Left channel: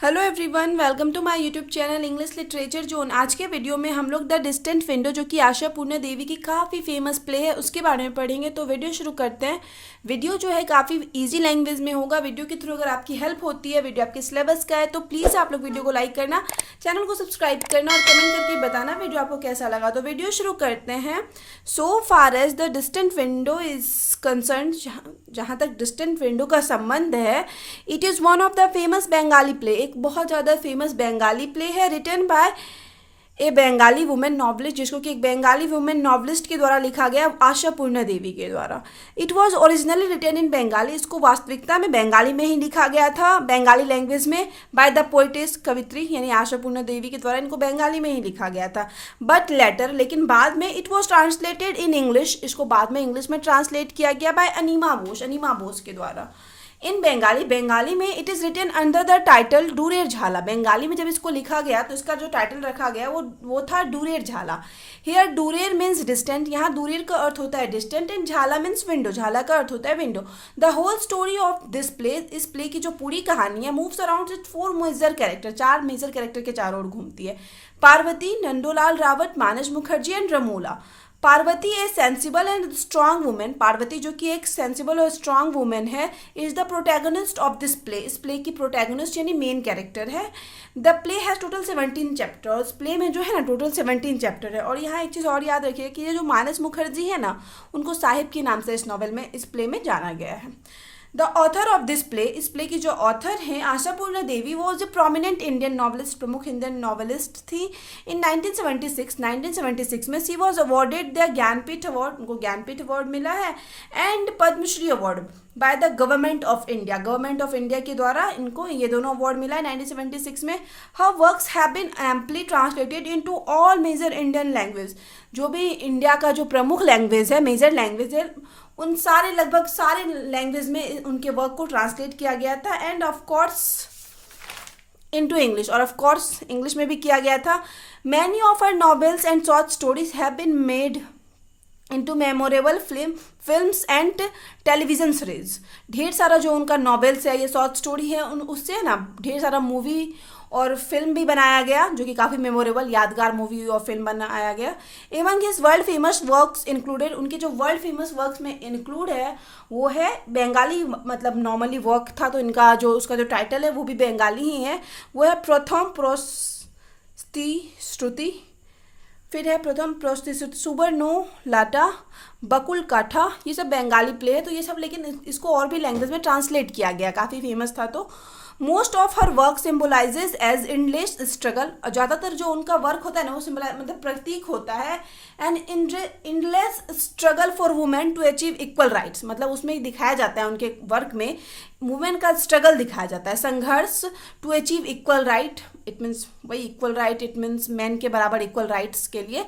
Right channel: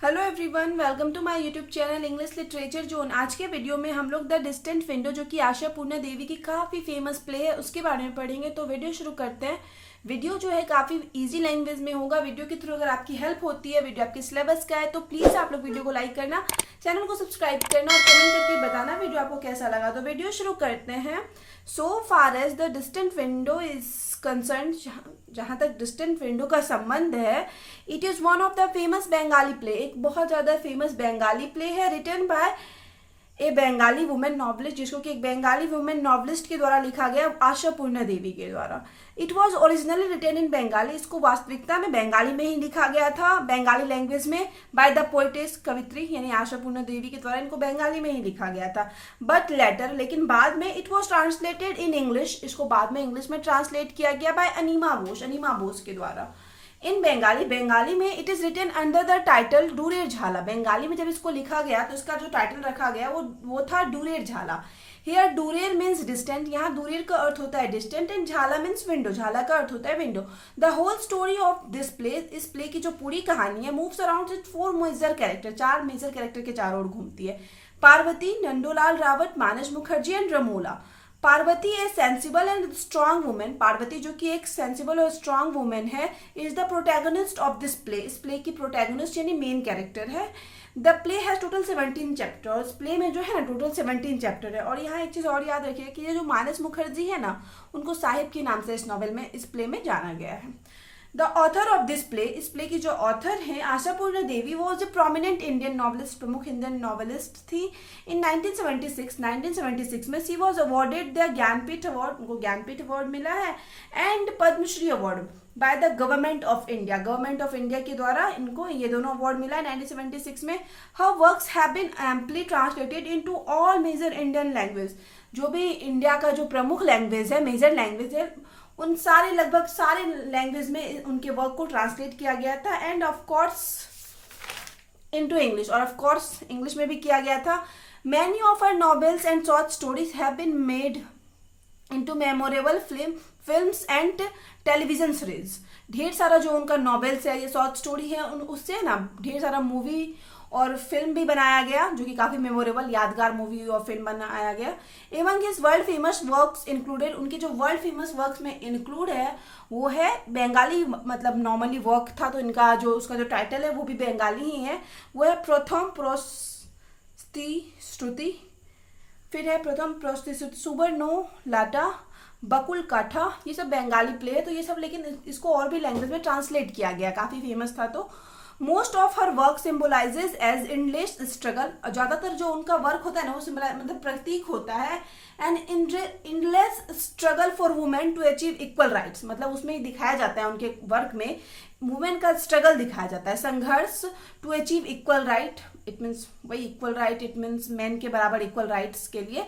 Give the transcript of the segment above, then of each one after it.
Hello everyone, welcome to my YouTube channel English literature zone. आज के video में हम लोग द डिस्टेंट विंडो, जो कि आशा पूर्णा देवी की काफ़ी फेमस प्ले है, उसके बारे में पढ़ेंगे। तो वीडियो शुरू करते हैं। वीडियो जो है काफ़ी इजी लैंग्वेज में होगा। वीडियो के थ्रू अगर आपकी हेल्प होती है, वीडियो आपके सिलेबस का है, तो प्लीज़ आप लोग वीडियो को लाइक करना, चैनल को सब्सक्राइब करना और कमेंट करके बताना वीडियो आपको कैसा लगा। तो वीडियो शुरू करते हैं। So far as the distant window is concern, जहाँ तक डिस्टेंट विंडो का संबंध है, it is one of the famous Bengali play. एक बहुत ज़्यादा फेमस बंगाली प्ले है, written by a Bengali women novelist, जिसको कि एक बंगाली वुमेन नॉवलिस्ट के द्वारा लिखा गया, आशा पूर्णा देवी के द्वारा। It was originally written in Bengali, इसको वास्तविकता में बंगाली में ही लिखा गया था, बंगाली लैंग्वेज में, बाय द पोइटेस, कवित्री यानी आशा पूर्णा देवी के द्वारा इनको बंगाली में ही लिखा गया था। बट लेटर, लेकिन बाद में, it was translated in English, इसको बाद में इंग्लिश में ट्रांसलेट किया गया बाय अनीमा बोस के द्वारा। इन बंगाली, बंगाली में it is written under the title Durer Jhala. Bengali में जब इसको लिखा गया तो इसका जो टाइटल रखा गया वो था डूरेर झाला। हियर डूरेर मीन्स डिस्टेंट, यहाँ डूरेर का अर्थ होता है distant, and jhala means window, झाला का अर्थ होता है window. The whole story of this play, इस प्ले की जो पूरी कहानी है, moves around with 4 major character, 4 major character के चारों ओर घूमती है। Parvati, Nandolal Rawat, Manas Mukherjee and Ramola. Parvati a sensible and strong women, Parvati जो कि एक सेंसिबल और स्ट्रांग वुमेन है, is the protagonist of this play, इस प्ले की प्रोटैगनिस्ट यानी मेन कैरेक्टर है। The play has total 17 chapter, और इस प्ले में जो है ना टोटल 17 चैप्टर है। और यहाँ एक चीज़ और याद रखिए कि ये जो मानस मुखर्जी है ना, उनको साहिब के नाम से इस नॉवल में, इस प्ले में जाना गया है। The author of this play, इस प्ले की जो ऑथर हैं आशा पूर्णा देवी, वो was a prominent Indian novelist, प्रमुख इंडियन नॉवलिस्ट थी। इन 1976 में she was awarded the Jnanpith award, उनको ज्ञानपीठ अवार्ड मिला है, and Padmashri award by the government of India, government of India के द्वारा इनको ये दोनों अवार्ड मिला है 1976 में। Her works have been amply translated into all major Indian language, जो भी इंडिया का जो प्रमुख लैंग्वेज है, मेजर लैंग्वेज है, उन सारे, लगभग सारे लैंग्वेज में उनके वर्क को ट्रांसलेट किया गया था, and of course into English, और ऑफ कोर्स इंग्लिश में भी किया गया था। Many of our novels and short stories have been made into memorable films and television series. ढेर सारा जो उनका नॉवेल्स है, ये शॉर्ट स्टोरी है, उन उससे है ना ढेर सारा मूवी और फिल्म भी बनाया गया, जो कि काफ़ी मेमोरेबल, यादगार मूवी और फिल्म बनाया गया। एवं his world famous works included, उनके जो वर्ल्ड फेमस वर्क्स में इंक्लूड है वो है बंगाली, मतलब नॉर्मली वर्क था तो इनका जो उसका जो टाइटल है वो भी बंगाली ही है। वो है प्रथम श्रुति, फिर है प्रथम प्रस्तुति, सुबर्णो लाटा, बकुल काठा, ये सब बंगाली प्ले है। तो ये सब, लेकिन इसको और भी लैंग्वेज में ट्रांसलेट किया गया, काफ़ी फेमस था। तो most of her work symbolizes as endless struggle, ज़्यादातर जो उनका वर्क होता है ना वो मतलब प्रतीक होता है, and endless struggle for women to achieve equal rights, मतलब उसमें ही दिखाया जाता है, उनके वर्क में वुमेन का स्ट्रगल दिखाया जाता है, संघर्ष to achieve equal right, it means वही equal right, it means man के बराबर इक्वल राइट्स के लिए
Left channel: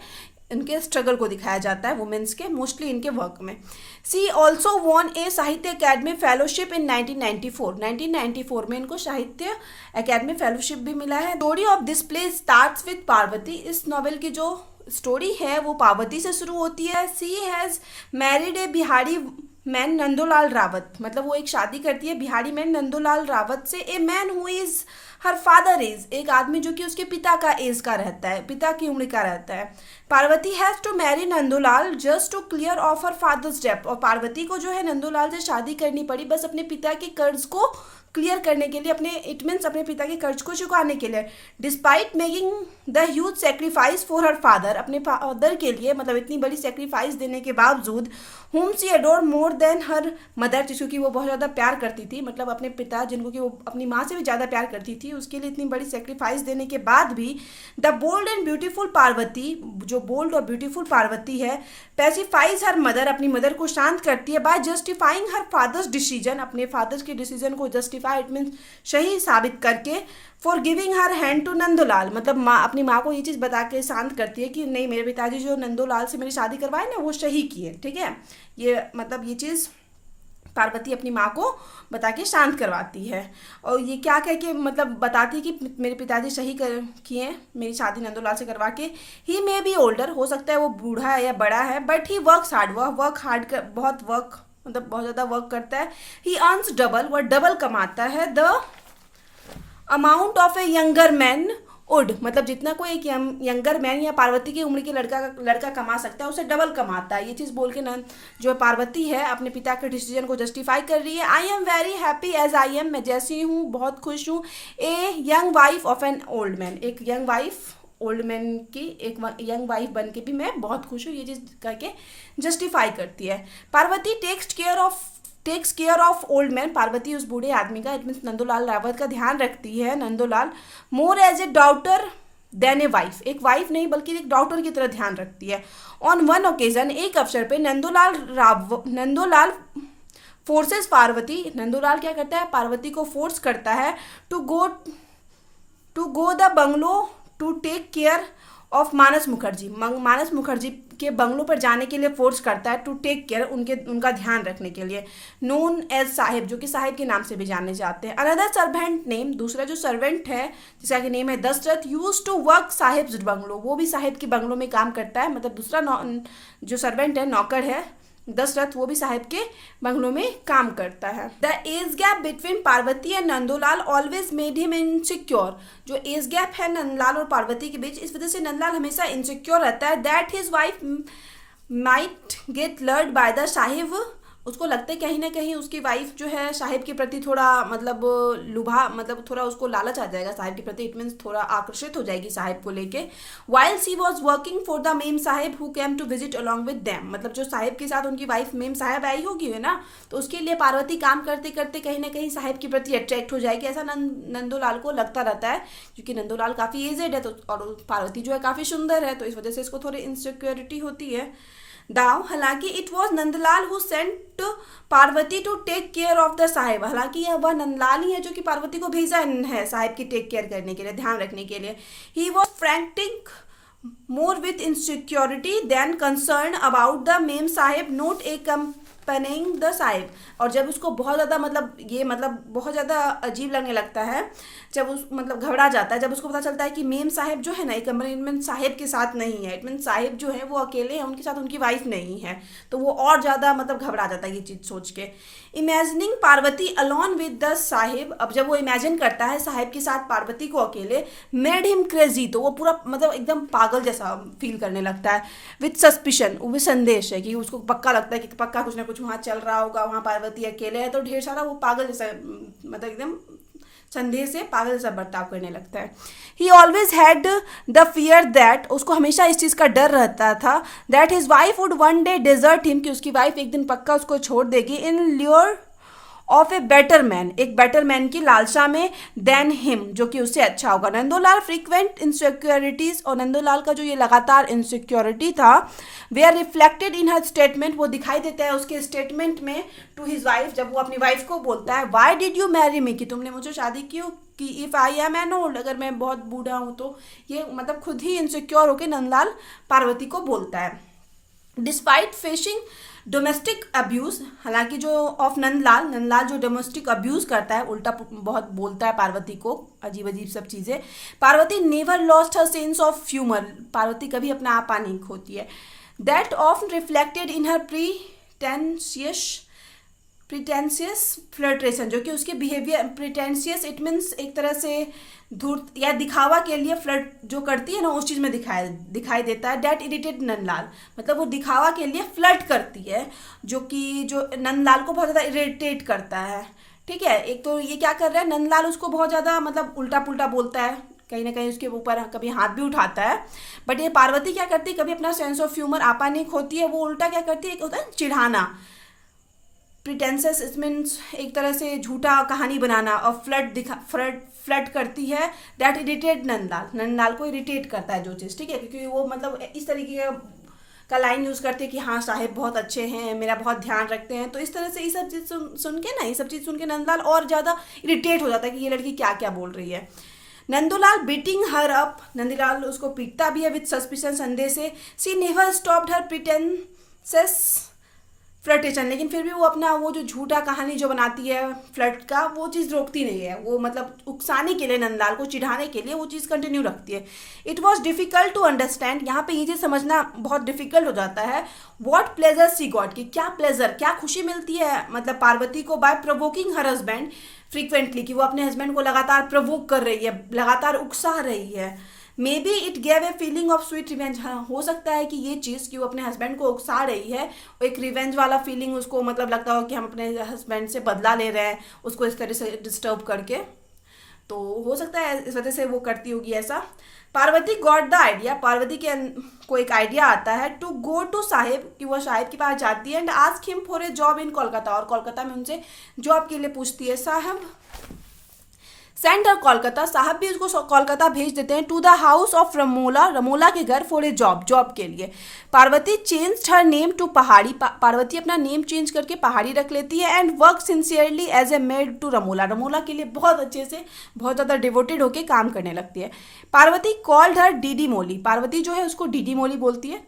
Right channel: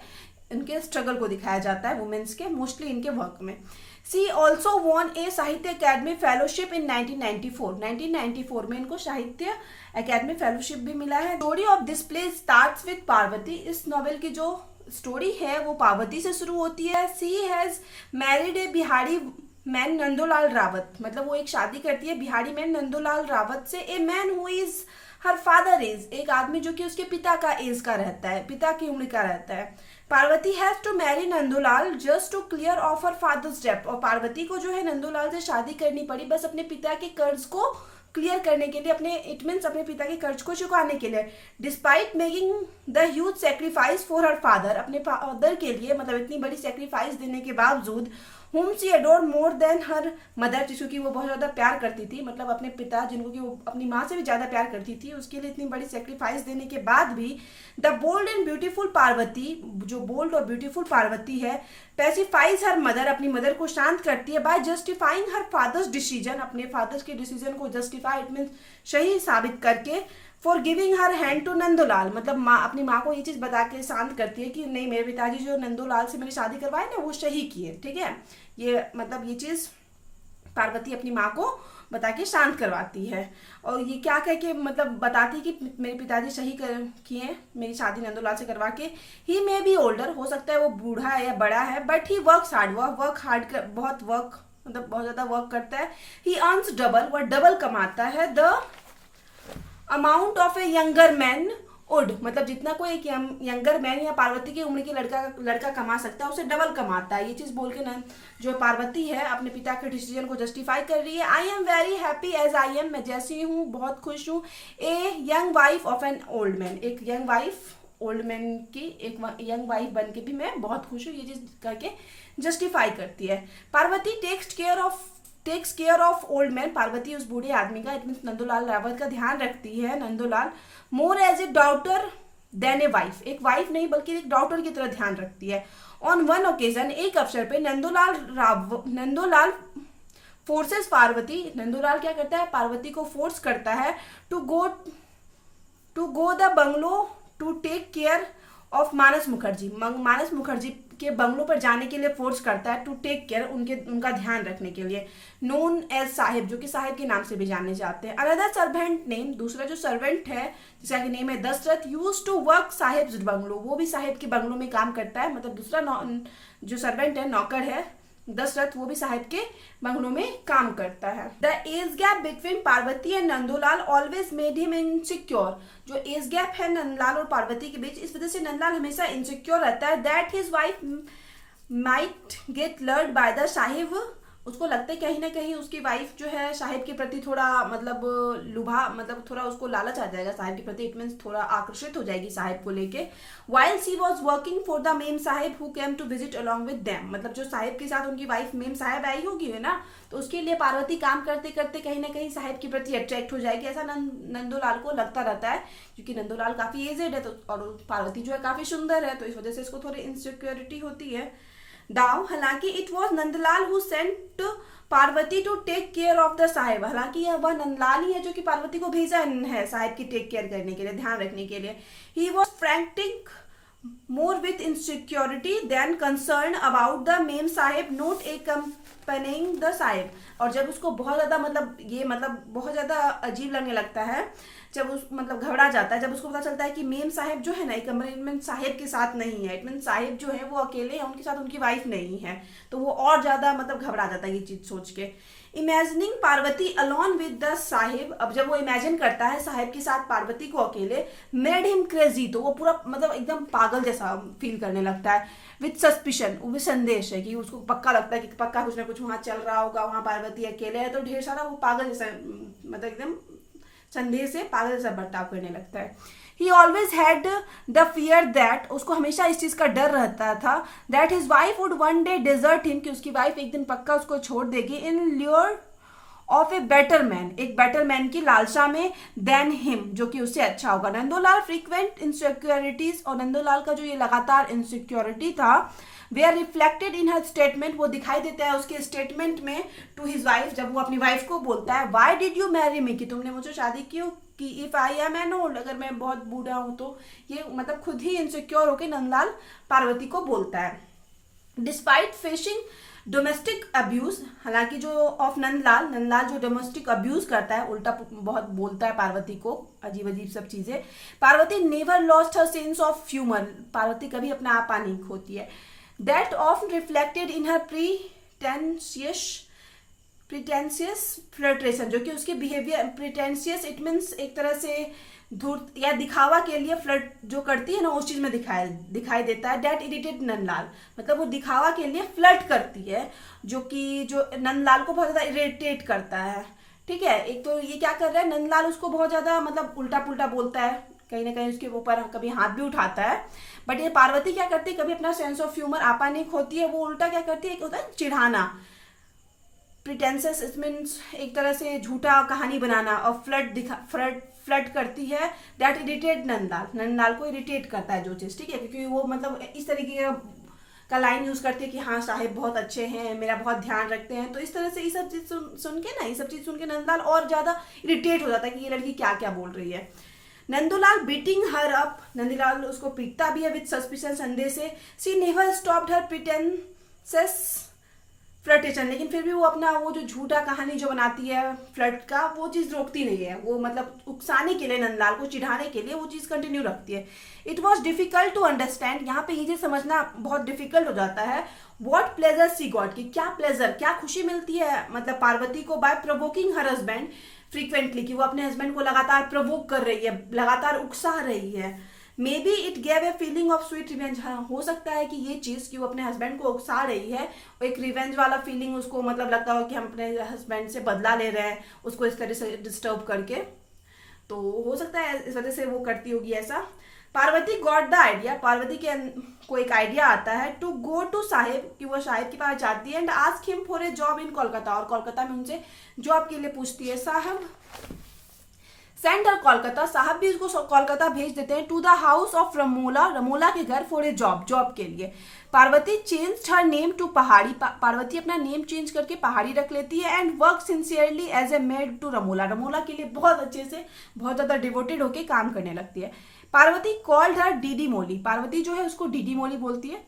इनके स्ट्रगल को दिखाया जाता है वुमेन्स के, मोस्टली इनके वर्क में। सी ऑल्सो वॉन ए साहित्य अकेडमी फेलोशिप इन 1994 में इनको साहित्य अकेडमी फेलोशिप भी मिला है। Story of this play starts with Parvati, इस नॉवेल की जो स्टोरी है वो पार्वती से शुरू होती है। She has married a Bihari man Nandolal Rawat, मतलब वो एक शादी करती है बिहारी मैन नंदोलाल रावत से। A man who is her father age, एक आदमी जो कि उसके पिता का एज का रहता है, पिता की उम्र का रहता है। Parvati has to marry Nandolal just to clear off her father's डेब्ट, और पार्वती को जो है नंदोलाल से शादी करनी पड़ी बस अपने पिता के कर्ज को क्लियर करने के लिए, अपने इट मीन्स अपने पिता के कर्ज को चुकाने के लिए। Despite making the huge sacrifice for her father, अपने फादर के लिए मतलब इतनी बड़ी सेक्रीफाइस देने के बावजूद, whom she adored more than her mother, जिसको कि वो बहुत ज़्यादा प्यार करती थी, मतलब अपने पिता जिनको कि वो अपनी माँ से भी ज़्यादा प्यार करती थी, उसके लिए इतनी बड़ी सेक्रीफाइस देने के बाद भी the bold and beautiful Parvati, जो बोल्ड और ब्यूटीफुल पार्वती है, पैसिफाइज हर मदर, अपनी मदर को शांत करती है, by justifying her father's decision, अपने फादर्स के डिसीजन को जस्टिफाई, इट मीन्स सही साबित करके, for giving her hand to Nandolal, मतलब माँ अपनी माँ को ये चीज़ बता के शांत करती है कि नहीं, मेरे पिताजी जो नंदोलाल से मेरी शादी करवाए ना वो सही किए, ठीक है। ये मतलब ये चीज़ पार्वती अपनी माँ को बता के शांत करवाती है, और ये क्या कह के मतलब बताती है कि मेरे पिताजी सही किए मेरी शादी नंदोलाल से करवा के। ही मे बी ओल्डर, हो सकता है वो बूढ़ा है या बड़ा है, बट ही वर्क्स हार्ड, वह वर्क हार्ड कर, बहुत वर्क मतलब बहुत ज़्यादा वर्क करता है। ही अर्न्स डबल, वह डबल कमाता है। The amount of A younger man would, मतलब जितना कोई एक यंगर मैन या पार्वती की उम्र के लड़का कमा सकता है उसे डबल कमाता है। ये चीज़ बोल के नंद जो पार्वती है अपने पिता के डिसीजन को जस्टिफाई कर रही है। I am very happy as I am, मैं जैसी हूँ बहुत खुश हूँ। A young wife of an old man, एक यंग वाइफ ओल्ड मैन की एक यंग वाइफ बन के भी मैं बहुत खुश हूँ, ये चीज़ करके जस्टिफाई करती है। Parvati takes care of old man, Parvati उस बूढ़े आदमी का, इट मीन्स नंदोलाल रावत का ध्यान रखती है। Nandolal more as a daughter than a wife, एक वाइफ नहीं बल्कि एक डॉटर की तरह ध्यान रखती है। ऑन वन ओकेजन, एक अवसर पे नंदोलाल फोर्सेस पार्वती, नंदोलाल क्या करता है पार्वती को फोर्स करता है to go the bungalow to take care of Manas Mukherjee, Manas Mukherjee के बंगलों पर जाने के लिए फोर्स करता है, टू टेक केयर, उनका ध्यान रखने के लिए। नोन एज साहिब, जो कि साहिब के नाम से भी जाने जाते हैं। अनदर सर्वेंट नेम, दूसरा जो सर्वेंट है जिसका कि नेम है Dasharath, use to work sahib's bungalow, वो भी साहिब के बंगलों में काम करता है। मतलब दूसरा जो सर्वेंट है, नौकर है दशरथ, वो भी साहिब के बंगलों में काम करता है। The age gap between Parvati and Nandolal always made him insecure, जो एज गैप है नंदलाल और पार्वती के बीच, इस वजह से नंदलाल हमेशा इनसिक्योर रहता है। That his wife might get lord by the Sahib, उसको लगता है कहीं ना कहीं उसकी वाइफ जो है साहिब के प्रति थोड़ा मतलब मतलब थोड़ा उसको लालच आ जाएगा साहिब के प्रति, इट मीन्स थोड़ा आकर्षित हो जाएगी साहिब को लेके। While she was working for the ma'am Sahib who came to visit along with them, मतलब जो साहिब के साथ उनकी वाइफ मेम साहिब आई होगी है ना, तो उसके लिए पार्वती काम करते करते कहीं ना कहीं साहिब के प्रति अट्रैक्ट हो जाएगी, ऐसा नंदोलाल को लगता रहता है। क्योंकि नंदोलाल काफ़ी एजेड है तो, और पार्वती जो है काफ़ी सुंदर है, तो इस वजह से इसको थोड़ी इनसिक्योरिटी होती है। दाव, हालांकि it was Nandlal who sent Parvati to take care of the sahib, हालांकि यह वह नंदलाल ही है जो कि पार्वती को भेजा है साहिब की टेक केयर करने के लिए, ध्यान रखने के लिए। He was frantic more with insecurity than concern about the ma'am sahib not a accompanying the sahib, और जब उसको बहुत ज़्यादा मतलब बहुत ज़्यादा अजीब लगने लगता है, जब उस मतलब घबरा जाता है जब उसको पता चलता है कि मेम साहिब जो है ना एक कंपेनियन साहिब के साथ नहीं है, इट मीन साहिब जो है वो अकेले हैं, उनके साथ उनकी वाइफ नहीं है, तो वो और ज़्यादा मतलब घबरा जाता है ये चीज़ सोच के। Imagining Parvati alone with the Sahib, अब जब वो इमेजिन करता है साहिब के साथ पार्वती को अकेले, मेड हिम क्रेजी, तो वो पूरा मतलब एकदम पागल जैसा फील करने लगता है। विथ सस्पिशन, वो भी संदेश है कि उसको पक्का लगता है कि पक्का कुछ ना कुछ वहाँ चल रहा होगा, वहाँ पार्वती अकेले है, तो ढेर सारा वो पागल जैसा मतलब एकदम संदेह से पागल जैसा बर्ताव करने लगता है। He always had the fear that, उसको हमेशा इस चीज़ का डर रहता था, that his wife would one day desert him, कि उसकी वाइफ एक दिन पक्का उसको छोड़ देगी, in lure of a better man, एक बेटर मैन की लालसा में, देन हिम, जो कि उससे अच्छा होगा। नंदोलाल फ्रीक्वेंट इनसिक्योरिटीज, और नंदोलाल का जो ये लगातार इनसिक्योरिटी था, they are reflected in her statement, वो दिखाई देता है उसके स्टेटमेंट में टू हिज वाइफ, जब वो अपनी वाइफ को बोलता है why did you marry me, कि तुमने मुझे शादी क्यों की, if I am an old, अगर मैं बहुत बूढ़ा हूँ तो, ये मतलब खुद ही इनसिक्योर होकर नंदलाल पार्वती को बोलता है। डिस्पाइट फेसिंग डोमेस्टिक अब्यूज, हालांकि जो ऑफ नंदलाल जो डोमेस्टिक अब्यूज करता है, उल्टा बहुत बोलता है पार्वती को, अजीब अजीब सब चीज़ें, Parvati never lost her sense of humour, Parvati कभी अपना आपा नहीं खोती है। That of reflected in her pretentious flirtation, जो कि उसके बिहेवियर, प्रिटेंशियस इट मीन्स एक तरह से धूर्त या दिखावा के लिए फ्लर्ट जो करती है ना, उस चीज़ में दिखाई देता है। डैट इरिटेट नंदलाल, मतलब वो दिखावा के लिए फ्लर्ट करती है, जो नंदलाल को बहुत ज़्यादा इरिटेट करता है। ठीक है, एक तो ये क्या कर रहा है, नंदलाल उसको बहुत ज़्यादा मतलब उल्टा पुल्टा बोलता है, कहीं ना कहीं उसके ऊपर कभी हाथ भी उठाता है, बट ये पार्वती क्या करती है, कभी अपना सेंस ऑफ ह्यूमर आपा नहीं खोती है, वो उल्टा क्या करती है, एक होता है चिढ़ाना, प्रिटेंसेस इट मीन्स एक तरह से झूठा कहानी बनाना, और फ्लर्ट करती है। दैट इरिटेट नंदलाल को इरिटेट करता है जो चीज़, ठीक है, क्योंकि वो मतलब इस तरीके का लाइन यूज़ करती है कि हाँ साहिब बहुत अच्छे हैं, मेरा बहुत ध्यान रखते हैं, तो इस तरह से ये सब चीज़ सुन के ये सब चीज़ सुन के नंदलाल और ज़्यादा इरिटेट हो जाता है कि ये लड़की क्या क्या बोल रही है। नंदोलाल बीटिंग हर अप, नंदलाल उसको पीटता भी है विद सस्पिशन, संदेह से। सी नेवर स्टॉप्ड हर प्रिटेंसेस फ्लर्टेशन, लेकिन फिर भी वो अपना वो जो झूठा कहानी जो बनाती है फ्लर्ट का, वो चीज़ रोकती नहीं है, वो मतलब उकसाने के लिए, नंदलाल को चिढ़ाने के लिए वो चीज़ कंटिन्यू रखती है। It was difficult to understand, यहाँ पे ये चीज़ समझना बहुत डिफिकल्ट हो जाता है। वॉट प्लेजर सी गॉट, की क्या प्लेजर, क्या खुशी मिलती है मतलब पार्वती को, by provoking her husband, frequently, कि वो अपने हस्बैंड को लगातार प्रवोक कर रही है, लगातार उकसा रही है। May be it gave a feeling of sweet revenge. हाँ, हो सकता है कि ये चीज़ कि वो अपने हस्बैंड को उकसा रही है, और एक रिवेंज वाला फीलिंग उसको मतलब लगता हो कि हम अपने हस्बैंड से बदला ले रहे हैं उसको इस तरह से डिस्टर्ब करके। तो हो सकता है इस वजह से वो करती होगी ऐसा। Parvati got the idea, Parvati के को एक आइडिया आता है टू गो टू साहिब, कि वो साहिब के पास जाती है and ask him for a job in Kolkata, और कोलकाता में उनसे जॉब के लिए पूछती है। साहब सेंड हर कोलकाता, साहब भी उसको कोलकाता भेज देते हैं to the house of Ramola, Ramola के घर फॉर ए जॉब, जॉब के लिए। Parvati change her name to Pahadi, Parvati अपना नेम चेंज करके पहाड़ी रख लेती है and work sincerely as a maid to Ramola, Ramola के लिए बहुत अच्छे से बहुत ज़्यादा डिवोटेड होकर काम करने लगती है। पार्वती कॉल्ड हर डीडी मोली, पार्वती जो है उसको डीडी मोली बोलती है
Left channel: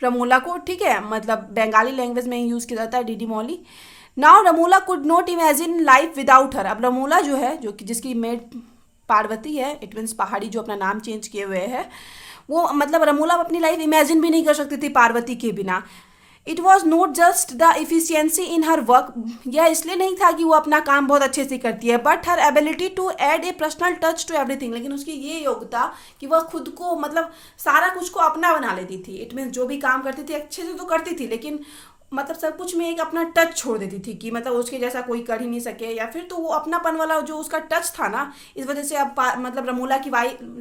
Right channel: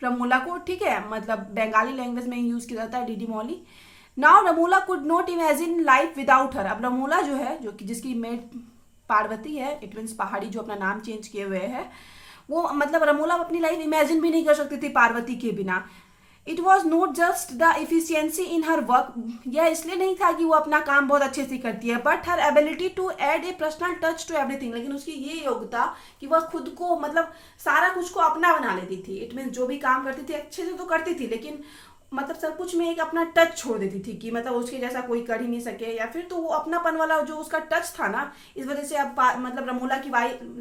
रमोला को, ठीक है, मतलब बंगाली लैंग्वेज में यूज़ किया जाता है Didi Moli. Now Ramola could not imagine life without her, अब रमोला जो है, जो कि जिसकी मेड पार्वती है, इट मीन्स पहाड़ी जो अपना नाम चेंज किए हुए है, वो मतलब रमोला अपनी लाइफ इमेजिन भी नहीं कर सकती थी पार्वती के बिना। It was not just the efficiency in her work, यह इसलिए नहीं था कि वो अपना काम बहुत अच्छे से करती है, but her ability to add a personal touch to everything, लेकिन उसकी ये योग्यता कि वह खुद को मतलब सारा कुछ को अपना बना लेती थी। इट मीन्स जो भी काम करती थी अच्छे से तो करती थी, लेकिन मतलब सब कुछ में एक अपना टच छोड़ देती थी कि मतलब उसके जैसा कोई कर ही नहीं सके, या फिर तो वो अपनापन वाला जो उसका टच था ना, इस वजह से अब मतलब रमोला की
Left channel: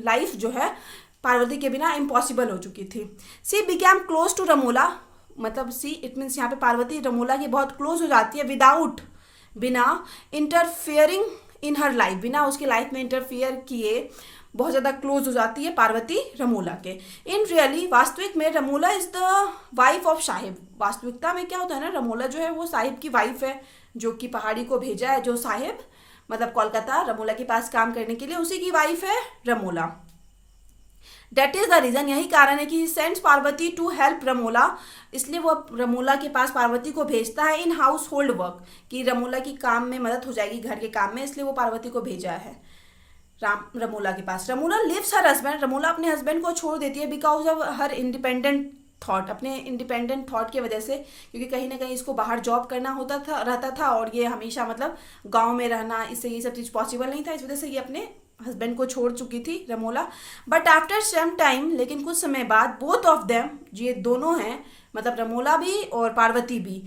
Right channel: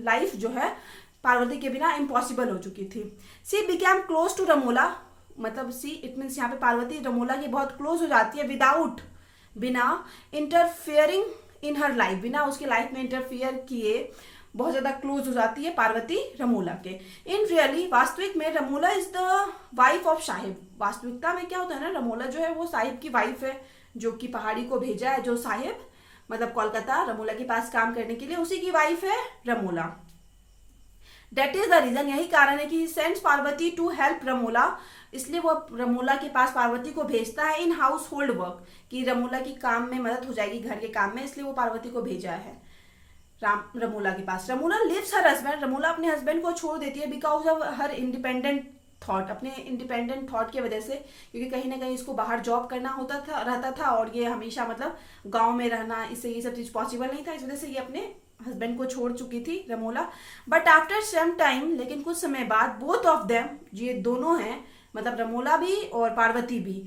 लाइफ जो है पार्वती के बिना इम्पॉसिबल हो चुकी थी। She became close to Ramola, मतलब सी इट मीन्स यहाँ पे पार्वती रमोला की बहुत क्लोज हो जाती है, विदाउट, बिना इंटरफेयरिंग इन हर लाइफ, बिना उसके लाइफ में इंटरफेयर किए बहुत ज़्यादा क्लोज हो जाती है पार्वती रमोला के। इन रियली, वास्तविक में Ramola is the wife of Sahib, वास्तविकता में क्या होता है ना, रमोला जो है वो साहिब की वाइफ है, जो कि पहाड़ी को भेजा है, जो साहिब मतलब कोलकाता रमोला के पास काम करने के लिए, उसी की वाइफ है Ramola. That is the reason, यही कारण है कि sends Parvati to help Ramola, इसलिए वो रमोला के पास पार्वती को भेजता है इन हाउस होल्ड वर्क, कि रमोला की काम में मदद हो जाएगी घर के काम में, इसलिए वो पार्वती को भेजा है रमोला के पास। Ramola leaves her husband, Ramola अपने हस्बैंड को छोड़ देती है because of her independent thought, अपने इंडिपेंडेंट थॉट की वजह से, क्योंकि कहीं ना कहीं इसको बाहर जॉब करना होता था रहता था, और ये हमेशा मतलब गांव में रहना, इससे ये सब चीज़ पॉसिबल नहीं था, इस वजह से ये अपने हस्बैंड को छोड़ चुकी थी Ramola. But after some time, लेकिन कुछ समय बाद, बोथ ऑफ देम, ये दोनों हैं मतलब रमोला भी और पार्वती भी,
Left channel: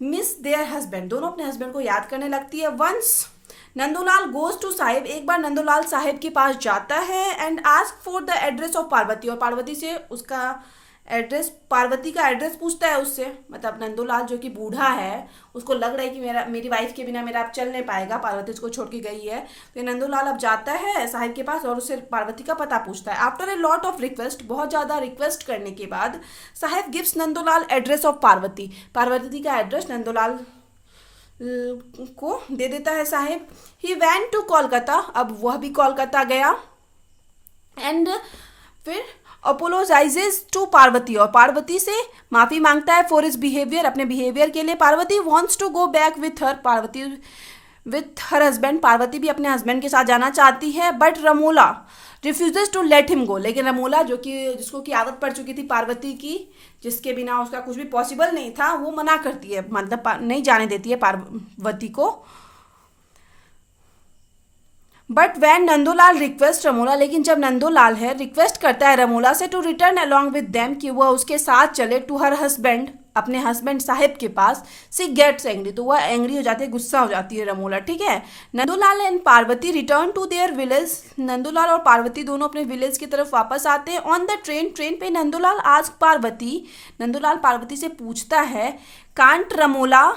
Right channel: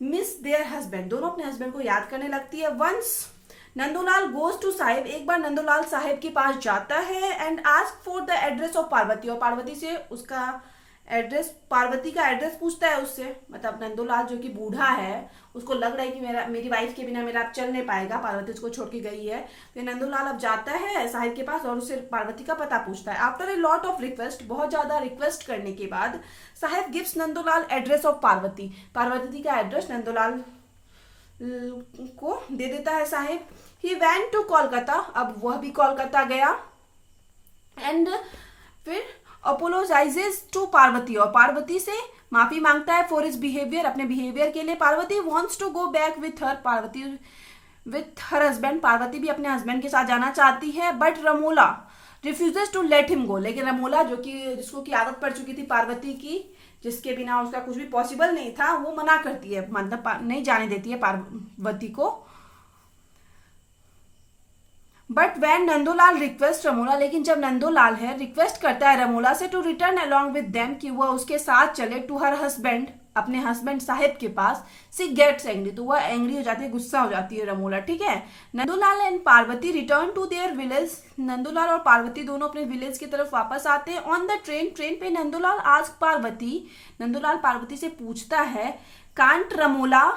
मिस देयर हस्बैंड, दोनों अपने हस्बैंड को याद करने लगती है। Once Nandulal goes to sahib, एक बार नंदूलाल साहिब के पास जाता है and ask for the address of Parvati, और पार्वती से उसका एड्रेस, पार्वती का एड्रेस पूछता है उससे, मतलब नंदूलाल जो कि बूढ़ा है, उसको लग रहा है कि मेरी वाइफ के बिना मेरा अब चल नहीं पाएगा, पार्वती उसको छोड़ के गई है, तो नंदूलाल अब जाता है साहिब के पास और उससे पार्वती का पता पूछता है। After a lot of request, बहुत ज़्यादा रिक्वेस्ट करने के बाद, sahib gives Nandulal address of Parvati, Parvati का एड्रेस नंदूलाल को दे देता है साहिब। ही वेंट टू कोलकाता, अब वह भी कोलकाता गया, एंड फिर अपोलोजाइजेज टू पार्वती, और पार्वती से माफी मांगता है फॉर हिज बिहेवियर, अपने बिहेवियर के लिए। Parvati wants to go back with her, Parvati with her husband, Parvati भी अपने हस्बैंड के साथ जाना चाहती है, but Ramola refuses to let him go, लेकिन रमोला जो कि जिसको की आदत पड़ चुकी थी पार्वती की, जिसके बिना उसका कुछ भी पॉसिबल नहीं था, वो मना करती है, मतलब नहीं जाने देती है पार्वती को। But when Nandolal request Ramola, लेकिन जब नंदोलाल है रिक्वेस्ट करता है रमोला से to return along with them, कि वह उसके साथ चले टू हर हस्बैंड, अपने हस्बैंड साहिब के पास, सी गेट्स एंग्री, तो वह एंग्री हो जाती है, गुस्सा हो जाती है रमोला, ठीक है। Nandolal and Parvati return to their village, Nandolal और पार्वती दोनों अपने विलेज की तरफ वापस आते हैं। ऑन द ट्रेन, ट्रेन पे नंदोलाल आस्क पार्वती, नंदोलाल पार्वती से पूछता है, कांट रमोला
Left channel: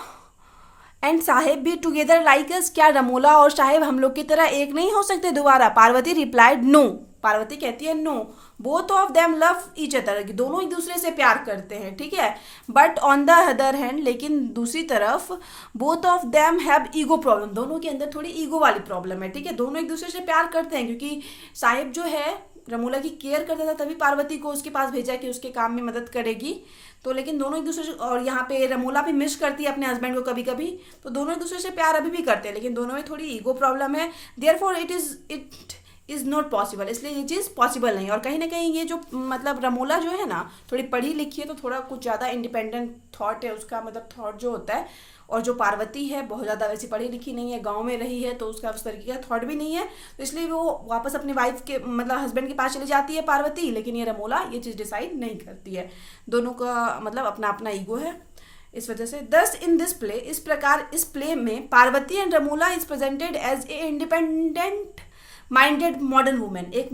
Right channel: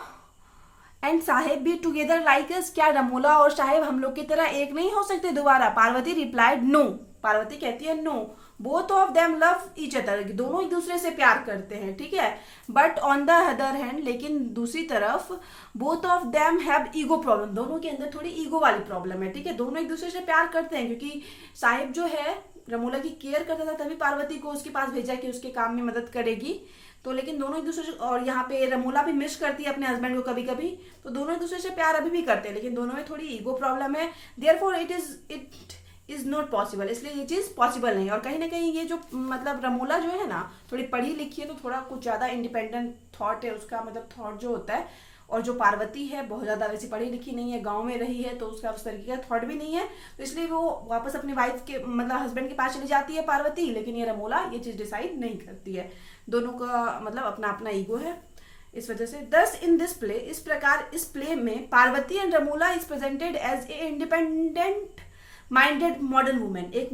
एंड साहेब भी टुगेदर लाइक अस, क्या रमोला और साहेब हम लोग की तरह एक नहीं हो सकते दोबारा? पार्वती रिप्लाइड नो, पार्वती कहती है no, both of them love each other, दोनों एक दूसरे से प्यार करते हैं, ठीक है। But on the other hand, लेकिन दूसरी तरफ, both of them have ego problem, दोनों के अंदर थोड़ी ईगो वाली प्रॉब्लम है, ठीक है। दोनों एक दूसरे से प्यार करते हैं, क्योंकि साहिब जो है रमोला की केयर करता था, तभी पार्वती को उसके पास भेजा कि उसके काम में मदद करेगी, तो लेकिन दोनों एक दूसरे से, और यहाँ पे रमोला भी मिस करती है अपने हस्बैंड को कभी कभी, तो दोनों एक दूसरे से प्यार अभी भी करते हैं, लेकिन दोनों में थोड़ी ईगो प्रॉब्लम है। Therefore it is not possible, इसलिए ये चीज़ पॉसिबल नहीं। और कहीं ना कहीं ये जो मतलब रमोला जो है ना, थोड़ी पढ़ी लिखी है, तो थोड़ा कुछ ज़्यादा इंडिपेंडेंट थॉट है उसका, मतलब थॉट जो होता है और जो पार्वती है बहुत ज़्यादा वैसे पढ़ी लिखी नहीं है, गांव में रही है, तो उसका उस तरीके का थॉट भी नहीं है, तो इसलिए वो वापस अपनी वाइफ के मतलब हस्बैंड के पास चली जाती है पार्वती। लेकिन ये रमोला ये चीज़ डिसाइड नहीं करती है, दोनों का मतलब अपना अपना ईगो है। इस वजह से दस इन दिस प्ले, इस प्रकार इस प्ले में Parvati and Ramola is presented as a independent minded modern women, एक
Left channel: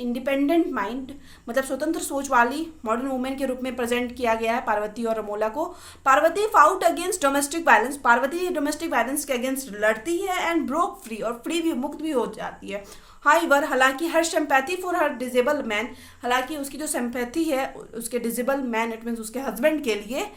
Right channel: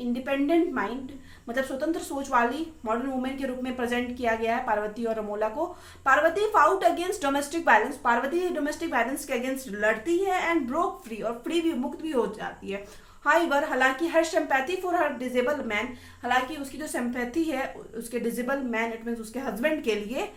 इंडिपेंडेंट माइंड मतलब स्वतंत्र सोच वाली मॉडर्न वुमेन के रूप में प्रेजेंट किया गया है पार्वती और रमोला को। Parvati fought against domestic violence, Parvati domestic violence के अगेंस्ट लड़ती है एंड ब्रोक फ्री, और फ्री भी मुक्त भी हो जाती है। हाईवर हालांकि her sympathy for her disabled man, हालांकि उसकी जो सिंपैथी है उसके डिजेबल मैन इट मीन्स उसके हस्बैंड के लिए,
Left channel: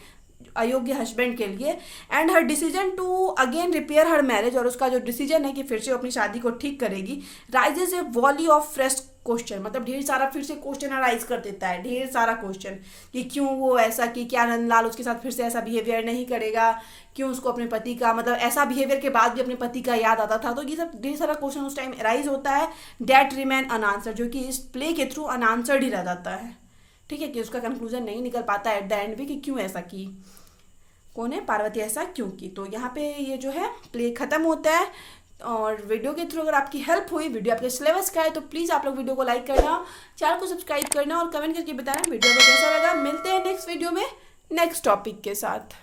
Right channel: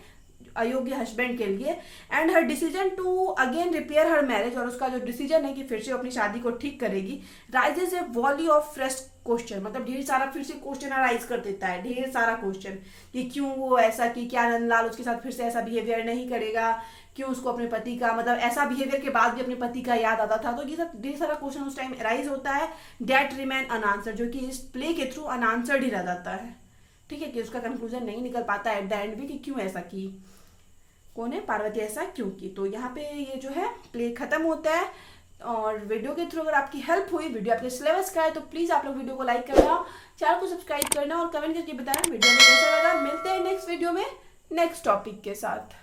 अयोग्य हस्बैंड के लिए, and her decision to again repair her marriage, और उसका जो डिसीजन है कि फिर से अपनी शादी को ठीक करेगी, raises a volley of fresh question, मतलब ढेर सारा फिर से क्वेश्चन अराइज कर देता है, ढेर सारा क्वेश्चन कि क्यों वो ऐसा, कि क्या नंदलाल उसके साथ फिर से ऐसा बिहेवियर नहीं करेगा, क्यों उसको अपने पति का मतलब ऐसा बिहेवियर के बाद भी अपने पति का याद आता था। तो ये सब ढेर सारा क्वेश्चन उस टाइम अराइज होता है, डेट रिमेन अनआंसर, जो कि इस प्ले के थ्रू अनआंसर्ड ही रह जाता है। ठीक है, कि उसका कंक्लूजन नहीं निकल पाता एट द एंड भी कि क्यों ऐसा की, कौन है पार्वती ऐसा क्यों की। तो यहाँ पे ये जो है प्ले खत्म होता है। और वीडियो के थ्रू अगर आपकी हेल्प हुई, वीडियो आपके सिलेबस का है, तो प्लीज़ आप लोग वीडियो को लाइक करना, चैनल को सब्सक्राइब करना और कमेंट करके बताना वीडियो में कैसा लगा। मिलते हैं नेक्स्ट वीडियो में नेक्स्ट टॉपिक के साथ।